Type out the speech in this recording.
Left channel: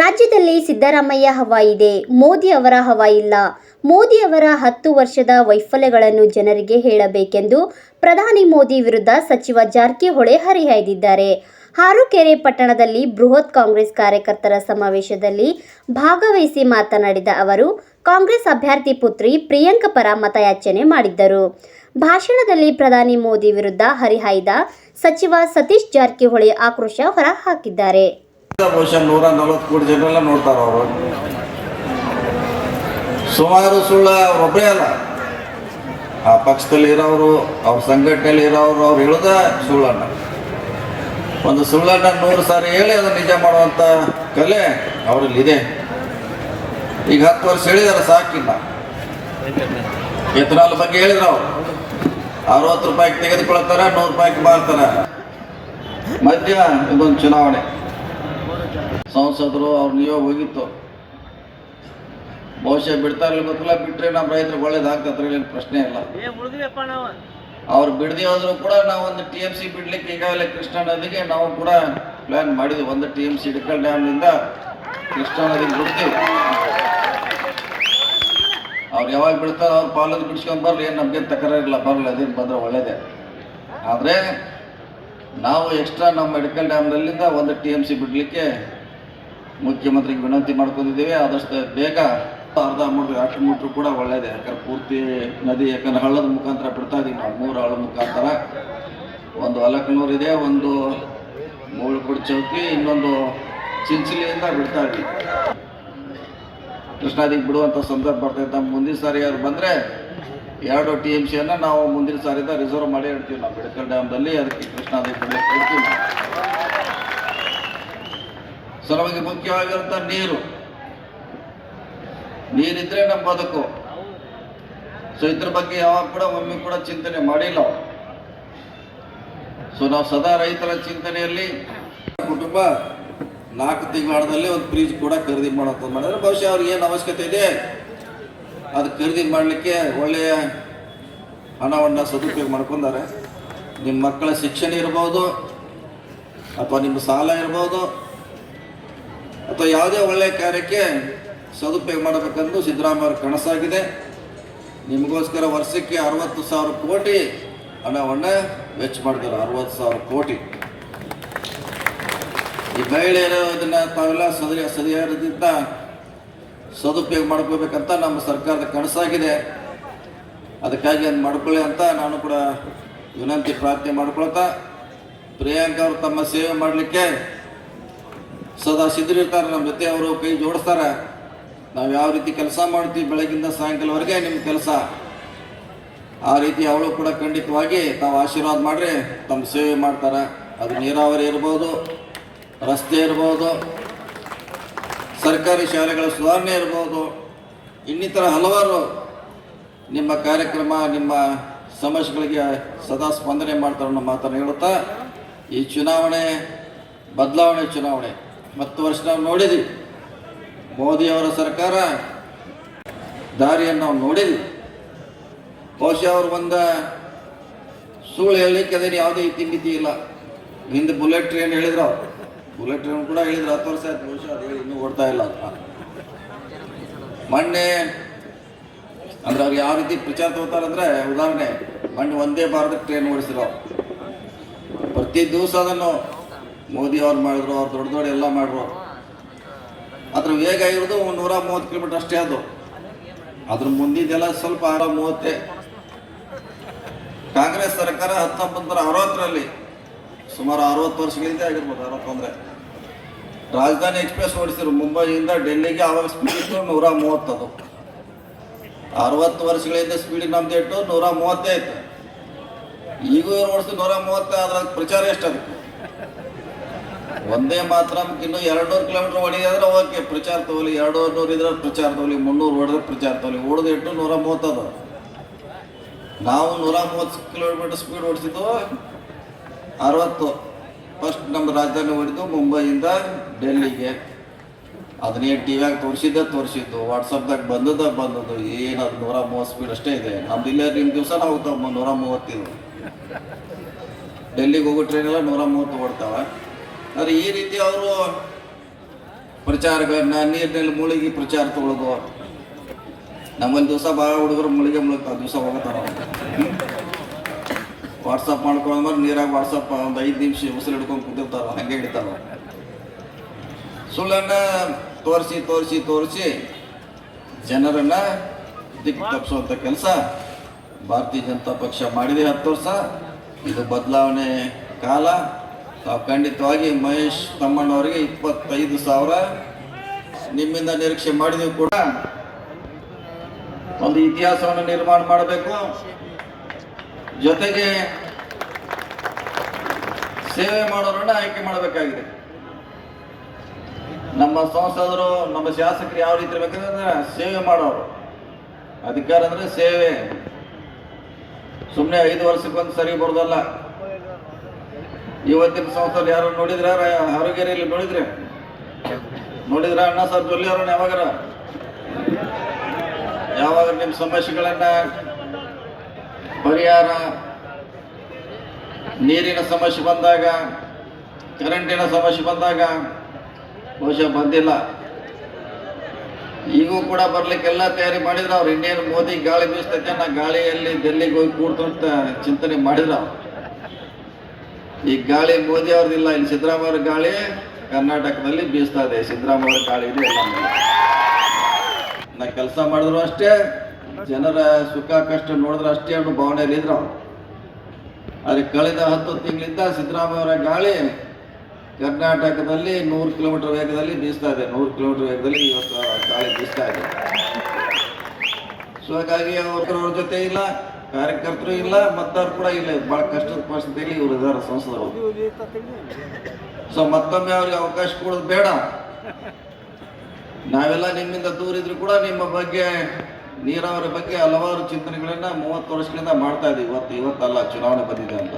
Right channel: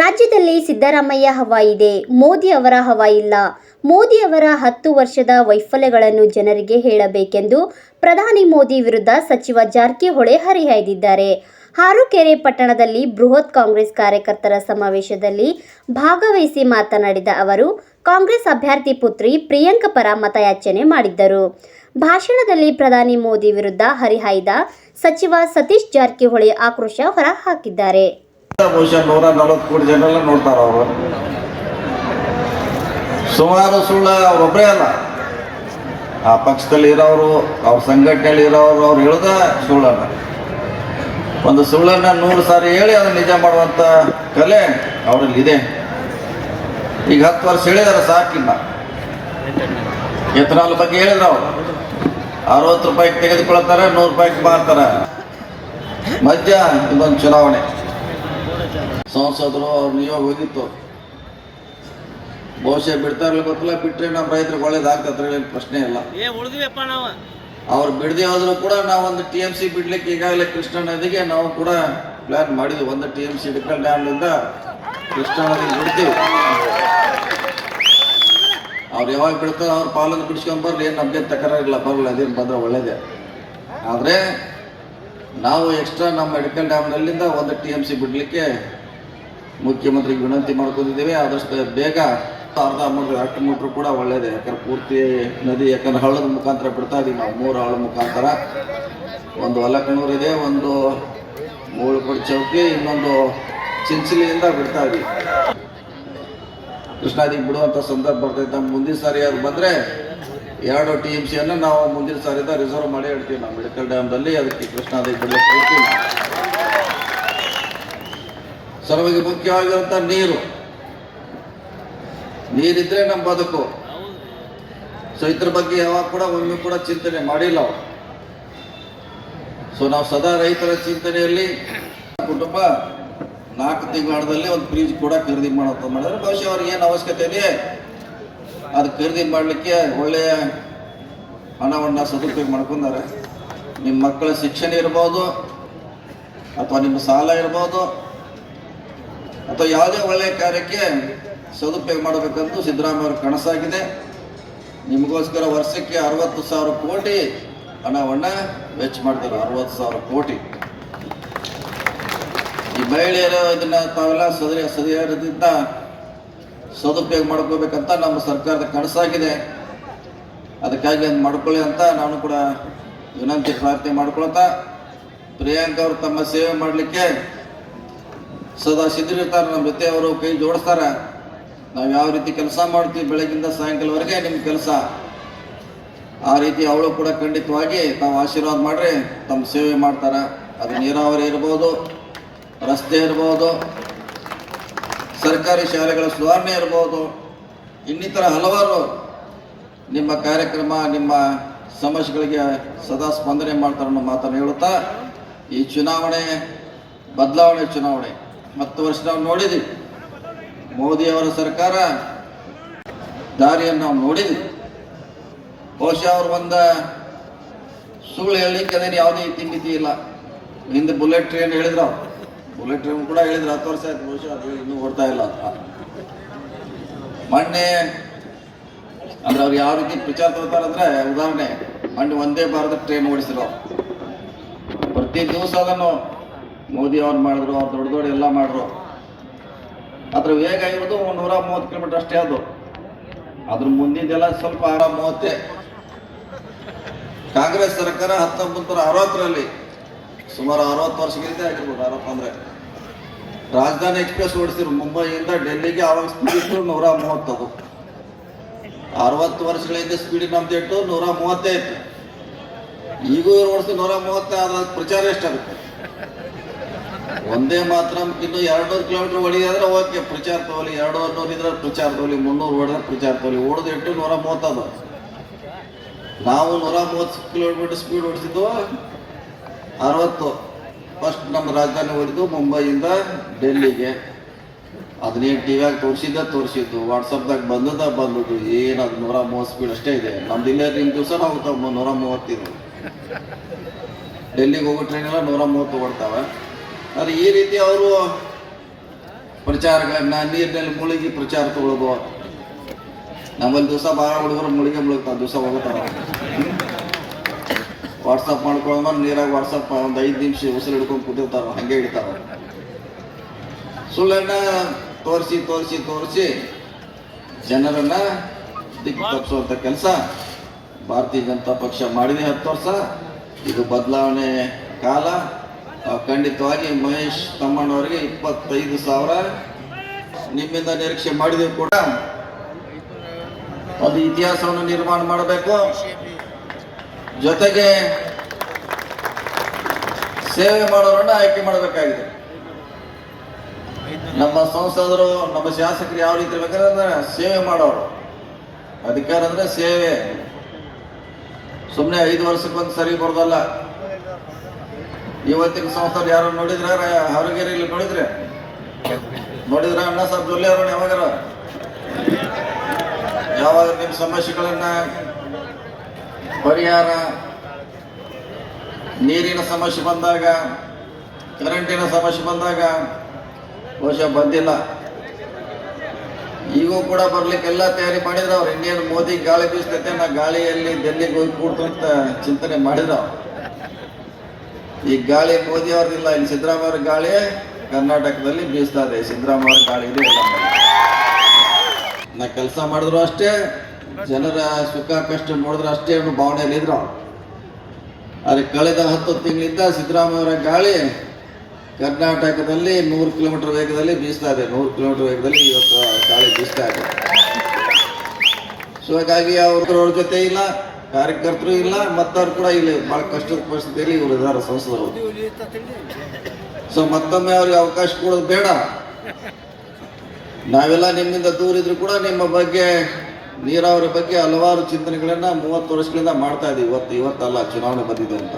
ರಾಜ್ಯದಲ್ಲಿ ಸಿದ್ದರಾಮಯ್ಯ ಹವಾ ಇದೆ, ಮೋದಿ ಅವರ ಹವಾ ಇಲ್ಲ. ಮೋದಿ ಅವರ 10 ವರ್ಷದ ವೈಫಲ್ಯಗಳನ್ನು ಜನರಿಗೆ ಹೇಳಬೇಕೆಂದು ಪ್ರಧಾನಿ ಮೋದಿ ವಿರುದ್ಧ ಸಚಿವ ಜಾರಕಿಹೊಳಿ ಹರಿಹಾಯ್ದಿದ್ದಾರೆ. ಹಾರೋಕೆರೆ ಪಟ್ಟಣದಲ್ಲಿ ಬೃಹತ್ ಕಾಂಗ್ರೆಸ್ ಕಾರ್ಯಕರ್ತರ ಸಮಾವೇಶದಲ್ಲಿ ಭಾಗವಹಿಸಿ ಮಾತನಾಡಿದ ಅವರು, ಕಾಂಗ್ರೆಸ್ ಅಭ್ಯರ್ಥಿ ಪುತ್ರಿ ಪ್ರಿಯಾಂಕಾ ಪರ ಮತಯಾಚನೆ ಮಾಡಿದ್ದರು. ಭಾಷಣದಲ್ಲಿ ಪ್ರಧಾನಿ ಮೋದಿ ವಿರುದ್ಧ ಹರಿಹಾಯ್ದ ಸಚಿವ ಸತೀಶ್ ಜಾರಕಿಹೊಳಿ ಆಕ್ರೋಶ ಹೊರಹಾಕಿದ್ದಾರೆ. ಬಹುಶಃ 140 ಕೋಟಿ ಜನರೆಲ್ಲ ನೋಡ್ತಾರೆ. ಅವರು ಸುಮಾರು ಸುಳ್ಳು ಅವರೊಬ್ಬರೇ ಅಲ್ಲ, ಆ ಪಕ್ಷದಲ್ಲಿ ಇರೋರು, ಅವ್ರ ಸಂಘಟನೆಯಲ್ಲಿ ಇರೋರು, ಅವ್ರು ಹೇಳೋದ ಸುಳ್ಳನ್ನ, ಒಂದು ಸುಳ್ಳನ್ನ 100 ಸಾರಿ ಹೇಳಿ ಅದನ್ನು ನಿಜ ಮಾಡುವಂಥ ಕಲೆ ಅವರಲ್ಲಿ ಇದೆ. ಈಗ 10 ವರ್ಷ ಹೇಳಿದಾರೆ, ಸಾಕಿಲ್ಲ. ಎಥನಾಲ್ ಬಗ್ಗೆ ಹೇಳಿದ್ರು, ಅವರು 60 ರೂಪಾಯಿಗೆ ತೆಗೆದುಕೊಳ್ತಾರೆ, 100 ರೂಪಾಯಿಗೆ ಮಾರ್ತಾರೆ. ಮಧ್ಯ ಇದೊಂದು ಚುನಾವಣೆ, ಸಂಸದರು ಅವ್ರ ನಿಯೋಗ ಹೋಗಿತ್ತು. ಬಹುಶಃ ಬಿಡ್ತಾರೆ ಗೊತ್ತಿಲ್ಲ, ಬಿಟ್ಟರೆ ನಮ್ಮ ರೈತರಿಗೆ ಒಳ್ಳೇದಾಗ್ತದ್ರೆ ಏನು ಪ್ರಶ್ನೆ ಇಲ್ಲ. ಅವ್ರು ಬಿಡದೆ ಹೋದ್ರು ಕೂಡ ನಾವು ಒಂದು TMC ಬಿಡ್ಲಿಕ್ಕೆ ಈಗಾಗಲೇ ಕೃಷ್ಣಾ ನದಿಗೆ ನಾವು ಕೂಡ ಪ್ಲಾನ್ ಮಾಡಿದ್ವಿ. ಒಂದು TMC ಇಡಕಲ್ ಡ್ಯಾಮ್ನಿಂದ ಕೃಷ್ಣಾ ನದಿಗೆ ಬಿಡ್ತೀವಿ. ಅವ್ರು ಯಾವಾಗ ಬಿಡ್ತಾರೋ ಅವ್ರು ಪಾಲನ್ನು ಬಿಡಿಸ್ಕೊಂಡ್ಬರ್ಲಿ, ಏನು ನಮಗೆ ತಕರಾರಿಲ್ಲ, ಬರಲ್ಲ, ಅದೇನು ಬಂದರೆ ಒಳ್ಳೇದೇ. ಆದರೆ ನಾವು ಎಕ್ಸ್ಟ್ರಾ ನಮ್ಮ ಇಡಕಲ್ ಡ್ಯಾಮ್ನಲ್ಲಿಂದ ಒಂದು TMC ಬಿಡಲಿಕ್ಕೆ ಮುಖ್ಯಮಂತ್ರಿಗೆ ವಿನಂತಿ ಮಾಡ್ಕೊಂಡಿದ್ದೀವಿ. ಆದಷ್ಟು ಬೇಗ ಅರ್ಧ ಮೀಟ್ರ್ ಕೂಡ ಒಳ್ಳೇದೇ, ಯಾಕಂದ್ರೆ ಪೂರ್ತಿ ನದಿ, ಯಾಕಂದ್ರೆ ಹಳ್ಳದ ಮುಖಾಂತರ ಬಿಡ್ತಾ ಇದೀವಿ ನಾವು. 3 ಹಳ್ಳದ ಮುಖಾಂತರ, ಒಂದು ಅಲಕನೂರು ಇದೆ, ಒಂದು ಮೂಳುಕೊಡಿ ಚೌಕಿ, ಇನ್ನೊಂದು ಚಿಂಚಲಿಯಿಂದ ಬಿಡ್ತಾ ಇದೀವಿ. ಕೃಷ್ಣಾ ನದಿಗೆ ಬಿಡುವಂಥ ಸಂದರ್ಭ ಬರ್ತೈತೆ. ನಮ್ಮ ಮುಂದಿನ ಸಾರಿ ಯಾರು ಬಂದರೆ 2 TMCಯನ್ನು ನಾವು ಮುಂದಿನ ಸಾರಿಯಿಂದ ರಿಸರ್ವ್ ಮಾಡಿ ಇಡ್ತೀವಿ ನಾವು ಮೆಡಿಕಲ್ ಡ್ಯಾಮ್ನಲ್ಲಿ. ಅದಕ್ಕೆ ಕೃಷ್ಣಾ ನದಿಗೆ ಬಿಡಲಿಕ್ಕೆ ಇಡ್ತೀವಿ. ಸರ್ವಾಗಿ ಮುಖ್ಯವಾಗಿರುವಂಥ ನೀರಿದ್ರೆ ನಮ್ಮ ಬದುಕು. ಸೊ ಇದ್ರ ಬಗ್ಗೆ ಯಾವಾಗ ಕೂಡ ಒಮ್ಮೆ ಕೂಡ ಚಿಂತನೆ ಮಾಡಿಲ್ಲ ಅವರು. ಸೊ ನಾವು ಸದಾ ರೈತರ ಚಿಂತನೆಯಲ್ಲಿ ಕುಟುಂಬ 4 ತಿಂಗಳಲ್ಲಿ ಒಂದು ಫ್ರಿಜ್ ಕೂಡ ಖರೀದಿ ಮಾಡೋದು ಮಾಡಿದ್ರೆ, ಬಹುಶಃ ಅವ್ರಿಗೆ ಏನು ಅವಶ್ಯಕತೆ ಇದೆ ಅದು ಖರೀದಿ ಮಾಡಲಿಕ್ಕೆ ಒಳ್ಳೆಯ ಹಣವನ್ನು ಸದುಪಯೋಗ ಮಾಡ್ಕೊಂಡಾರೆ. ನಿಮ್ಮ ಮಕ್ಕಳ ಶಿಕ್ಷಣ ಇರ್ಬೋದು, ಅಥವಾ ನಿಮ್ಮ ಸಾಲ ಇರ್ಬೋದು, ಅಥವಾ ಯಾವುದೇ ಒಳ್ಳೆಯ ಕಾರ್ಯಕ್ಕೆ ಸದುಪಯೋಗ ಮಾಡಬೇಕಂದು ಸಿದ್ದರಾಮಯ್ಯ ಕನಸಾಗಿದೆ. ನಿಮಗೋಸ್ಕರ ವರ್ಷಕ್ಕೆ 60,000 ಕೋಟಿ ಹಣವನ್ನು ವೆಚ್ಚ ಮಾಡಿದ್ದಾರೆ. 60,000 ಕೋಟಿ. ಈ ಮಹಿಳೆಯರು ಇದನ್ನು ತಾವೆಲ್ಲ ಸರಿಯಾದ ಸದುಪಯೋಗ ಮಾಡ್ಕೋಬೇಕಂತ ನಮ್ಮ ಸರ್ಕಾರದ ಕನಸಾಗಿದೆ. ಅದಕ್ಕಾಗಿ ಅದು ಮಾಡ್ಕೊಳ್ಳಿ ಅಂತ ನಾನು ಕೂಡ ವಿನಂತಿ ಪ್ರಾರ್ಥನೆ ಮಾಡ್ಕೊಳ್ತಾ, ಪ್ರಿಯಾಂಕಾ ಅವರು ತಮ್ಮ ಸೇವೆ ಮಾಡಲಿಕ್ಕೆ ಸದಾ ಸಿದ್ಧರಿರ್ತಾರೆ. ನಮ್ಮ ಜೊತೆ ಅವರು ಕೈ ಜೋಡಿಸ್ತಾರೆ. ನಾವು ಯಾವ ರೀತಿ ಕೆಲಸ ಮಾಡ್ತೀವಿ ಬೆಳಗಿಂದ ಸಾಯಂಕಾಲವರೆಗೆ ನಿಮ್ಮ ಕೆಲಸ, ಆ ರೀತಿ ಅವಳು ಕೂಡ ಖಂಡಿತವಾಗಿ ತಾವು ಆಶೀರ್ವಾದ ಮಾಡ್ರಿ ತಮ್ಮ ಸೇವೆ ಮಾಡ್ತಾರೆ. ಅದು ನೀರಾವರಿ ಇರ್ಬೋದು, ರಸ್ತೆ ಇರ್ಬೋದು, ಸರ್ಕಾರಿ ಶಾಲೆಗಳ ಸುಧಾರಣೆ ಇರ್ಬೋದು, ಇನ್ನಿತರ ಹಲವಾರು ನಿಮ್ಮ ಕಾರ್ಯಕ್ರಮ, ನಿಮ್ಮ ಸಮಸ್ಯೆಗಳಿಗೆ ಸದಾ ಸ್ಪಂದನೆ ಮಾಡ್ತಾರೆ ಅನ್ನೋ ಮಾತನ್ನು ಹೇಳುತ್ತಾ, ಈ ಚುನಾವಣೆ ಬದಲಾವಣೆ ಚುನಾವಣೆ 10 ವರ್ಷ ನಾವು ನೋಡಿದ್ವಿ. ಮೋದಿಯವರ ಸರ್ಕಾರ ದಾರಿಯನ್ನು ನಾವು ನೋಡಿದ್ವಿ. ಬಹುಶಃ ಅವರು ಒಂದು ಸುಳ್ಳು ಹೇಳಲಿಕ್ಕೆ ಅದೇನು ಯಾವುದೇ ಇತಿಮಿತಿ ಇಲ್ಲ. ಹಿಂದೆ ಬುಲೆಟ್ ಟ್ರೈನ್ ಹೇಳಿದ್ರು, ಬುಲೆಟ್ ಟ್ರೈನ್ ಕೂಡ ಹೇಳಿದ್ರು 10 ವರ್ಷ ಆಯ್ತು, ಬಹುಶಃ ಅದು ಹೇಳಿ ಇನ್ನೂ ಓಡ್ತಾ ಇಲ್ಲ. ಮೊನ್ನೆ ಅಂದ್ರೆ ಅವ್ರು ಯಾವ ರೀತಿ ಪ್ರಚಾರ ತಗೋತಾರಂದ್ರೆ, ಉದಾಹರಣೆ ಮೊನ್ನೆ ವಂದೇ ಭಾರತ ಟ್ರೈನ್ ಓಡಿಸಿರೋ, ಪ್ರತಿ ದಿವಸ ಅದನ್ನು ಮೋದಿ ಅವ್ರು ಮಾಡಿದ್ರು, ಅವ್ರು ದೊಡ್ಡ ದೊಡ್ಡ ಎಲ್ಲ ಮಾಡಿದ್ರು. ಅದ್ರ ವೇಗ ಇರೋದು 130 ಕಿಲೋಮೀಟರ್ ಅಷ್ಟೇ. ಅದ್ರ ಮುಂದಿದ್ದೆಲ್ಲ ಸ್ವಲ್ಪ 30. ಕಾಂಗ್ರೆಸ್ ಸರ್ಕಾರ 1960ರಲ್ಲಿ ಸುಮಾರು 60 ವರ್ಷಗಳಿಂದ ಆಗಿರ್ಬೋದು, 60 ಅಂದರೆ ರಾಜಧಾನಿ ಎಕ್ಸ್ಪ್ರೆಸ್ ಓಡಿಸಿದ್ರು ಮುಂಬೈಯಿಂದ ಡೆಲ್ಲಿಗೆ. ಆವಾಗ ಸ್ಪೀಡ್ ಇತ್ತು 130. ಅದು 60 ವರ್ಷಗಳಿಂದ ಸ್ಪೀಡ್ ನಮ್ದು ಇಟ್ಟು 130 ಇತ್ತು. ಈಗೂ ಓಡಿಸಿದ್ರು 130. ಅದ್ರ ಪ್ರಚಾರ ಎಷ್ಟಾಗುತ್ತೆ? ಒಂದೇ ಮಾತ್ರ ಇನ್ನು 200 ಕಿಲೋಮೀಟರ್ ಹೊಡಿದ್ರೆ ಓಕೆ, ಪ್ರಚಾರ ತಗೊಳ್ಳಿ. 200 ಇದ್ರೆ ಪ್ರಚಾರ ತಗೊಳ್ಳಿ, 300 ಹೊಡೆದ್ರೆ ಪ್ರಚಾರ ತಗೊಳ್ಳಿ. ಓಡೋದು ಇಟ್ಟು 130 ಅದು. ನಾವು 130 ಕಿಲೋಮೀಟರ್ ಸ್ಪೀಡ್ ಓಡಿಸಿದ್ದು 60. ಫಸ್ಟ್ ನಮ್ಮ ರಾಜಧಾನಿ ಓಡಿದ್ದು ಮುಂಬೈಯಿಂದ ಡೆಲ್ಲಿಗೆ. ಅದನ್ನೇನು ಟಿವಿಯಾಗ ತೋರಿಸಿದ್ದು, ವಾಟ್ಸಪ್ದಾಗ ಬಂದದ್ದು, ಏನದು 130 ಸ್ಪೀಡ್ ಅಷ್ಟೇ ಇದೆ. ನಮ್ದು ಇಲ್ಲೇ ರಿಂಗ್ ದಿವಸ ನಾವು 130 ಇದೆ. ಡೆಲ್ಲಿಗೆ ಹೋಗೋ ಟ್ರೈನೆಲ್ಲ 130 ಓಡ್ತಾವೆ. ಆದರೆ ಈ ರೀತಿ ಅವರು ಪ್ರಚಾರಗಳನ್ನ ನೀರಿನಲ್ಲಿ ಮುಳುಗಿ ಪ್ರಚಾರ ತಗೊಳ್ಳೋದು. ನಮ್ಮೊಂದು ದಿವಸ ಭಾಳ ಹುಡುಗರು ಮುಳುಗ್ತಾವ, ದಿವಸ ಹೋಗ್ತಾರ. ವಾಟ್ಸಪ್ ಮಾಡ್ಕೊಳ್ಳೋ ನೀರಾಗ ವಾಟ್ಸಪ್ ಒಂದು 5 ನಿಮಿಷ ಉಸಿರು ಹಿಡ್ಕೊಂಡು ಕೂತಿರ್ತಾರ, ಹಂಗೆ ಹಿಡಿತಾರ. ಸುಳ್ಳನ್ನ ತೋರಿಸಿ ಜನರನ್ನ ದಿಕ್ಕು ತಪ್ಪಿಸುವಂಥ ಕೆಲಸ ಭಾರತೀಯ ಜನತಾ ಪಕ್ಷ ಮಾಡಿದೆ 10 ವರ್ಷ. ಇದು ಬದಲಾವಣೆ ಕಾಲ. ನಾವು ಖಂಡಿತವಾಗಿ ಮಹೇಶ್ ತಮ್ಮಣ್ಣವರಿಗೆ 25,000 ನಿಮ್ಮಿಂದ ನಿರೀಕ್ಷೆ ಮಾಡಿದೆವು ಕೂಡ. ಒಂದು ಇತಿಹಾಸವನ್ನು ನಿರ್ಮಾಣ ಮಾಡಬೇಕು, ಜೊತೆಗೆ ಸೇವೆ ಮಾಡೋರನ್ನ ಆಯ್ಕೆ ಮಾಡಬೇಕಾಗಿದೆ. ನಮ್ಮ ಸಂಸದರು, ನಮ್ಮ ಶಾಸಕರು ಯಾವ ರೀತಿ ಇರ್ಬೇಕಂದ್ರೆ ಸೇವೆ ಮಾಡೋರು. ಅಧಿಕಾರ ಅಂದ್ರೆ ಸೇವೆ, ಸುಮ್ಮನೆ 5 ವರ್ಷಕ್ಕೊಂದು ಸರಿ ಬರೋದಲ್ಲ. ಇವತ್ತಿನ ಸಂಸದರು ಯಾರು ನೋಡಿದ್ರೆ ಹೊರಗೇರಿಯಲ್ಲಿ ನೋಡಿದ್ರೆ ಅಣ್ಣ ಸಾಬ್ ಜೊಲ್ಲೆ ಅವ್ರನ್ನ ಯಾವಾಗ ನಿಮ್ಮ ಸಮಸ್ಯೆಗಳನ್ನ ಪರಿಹಾರ, ನೀರಿನ ಸಮಸ್ಯೆ ಬಂದಾಗ, ಕರೆಂಟಿನ ಸಮಸ್ಯೆ ಬಂದಾಗ ಬಹುಶಃ ಬಂದಿಲ್ಲ. ಈಗೂ ಕೂಡ ಬರ್ಲಿಕ್ಕೆಲ್ಲ ತಯಾರಿ ಮಾಡಿದ್ರು ಅವ್ರು. ಇಂಡಿಯನ್ ಮೋದಿ ಗಾಳಿ ಬೀಸ್ತೈತೆ, ನಾ ಗಾಳಿಯಲ್ಲಿ ಡೆಲ್ಲಿಗೆ ಹೋಗಿ ಕೂಡ್ತು ಅಂತ ಚಿಂತನೆ ಮಾಡಿದ್ರು. ಈ ಗಾಳಿ ಮೋದಿ ಅವ್ರದ್ದಿಲ್ಲ, ಇಲ್ಲಿ ಸಿದ್ದರಾಮಯ್ಯ ಅವ್ರ ಗಾಳಿ ಕರ್ನಾಟಕದಲ್ಲಿ ಬೀಸ್ತಾ ಇದೆ. ಸಿದ್ದರಾಮಯ್ಯ ಅವ್ರ ಗಾಳಿ ಇದೆ. ನಾ ಕೆಲಸ ಮಾಡಿದ್ರು ಅಷ್ಟೇ, ಜನರ ಸುಖ ಕಷ್ಟ ನೋಡಿದ್ರು ಅಷ್ಟೇ ಅನ್ನೋ ಭಾವನೆಯಲ್ಲಿ ಇದ್ರು. ಆದರೆ ಕಳೆದ 10 ತಿಂಗಳಿಂದ ಸಿದ್ದರಾಮಯ್ಯ ಅವರ ಗಾಳಿ ಕರ್ನಾಟಕದಲ್ಲಿ 100 ಕಿಲೋಮೀಟರ್ ವೇಗದಲ್ಲಿ ಬೀಸ್ತಾ ಇದೆ. 100 ಕಿಲೋಮೀಟರ್ ವೇಗದಲ್ಲಿ ಇವತ್ತು ಗಾಳಿ ಬೀಸ್ತಾ ಇದೆ. ಸೊ ಹಾಗಾಗಿ ಅವ್ರ ಜೊತೆ ಇಲ್ಲ, ಕಾರ್ಯಕರ್ತರು ಇಲ್ಲ, ಮತ್ತವ್ರು ಕೂಡ ಇಲ್ಲ. ಬಹಳ ಕಷ್ಟದ ಪರಿಸ್ಥಿತಿಯಲ್ಲಿ ಇವರು ಇದ್ದಾರೆ ಸಂಸದರು. ಸೊ ಮತ್ತೊಮ್ಮೆ ಅವ್ರಿಗೆ ಅವಕಾಶ ಕೊಡೋದು ಬೇಡ. ನಾವೆಲ್ಲ ನಿಮ್ಮಿಂದ ದೂರ ಇದ್ರು ಕೂಡ ನಿಮ್ಮ ಬಗ್ಗೆ, ನೀರಾವರಿ ಬಗ್ಗೆ ಹಲವಾರು ಚಿಂತನೆಗಳನ್ನ 30 ವರ್ಷಗಳಿಂದ ಮಾಡ್ತಾ ಇದ್ದೀವಿ. ಇವತ್ತಲ್ಲ ಚುನಾವಣೆ ಬಂದಿದೆ ಅಂತ.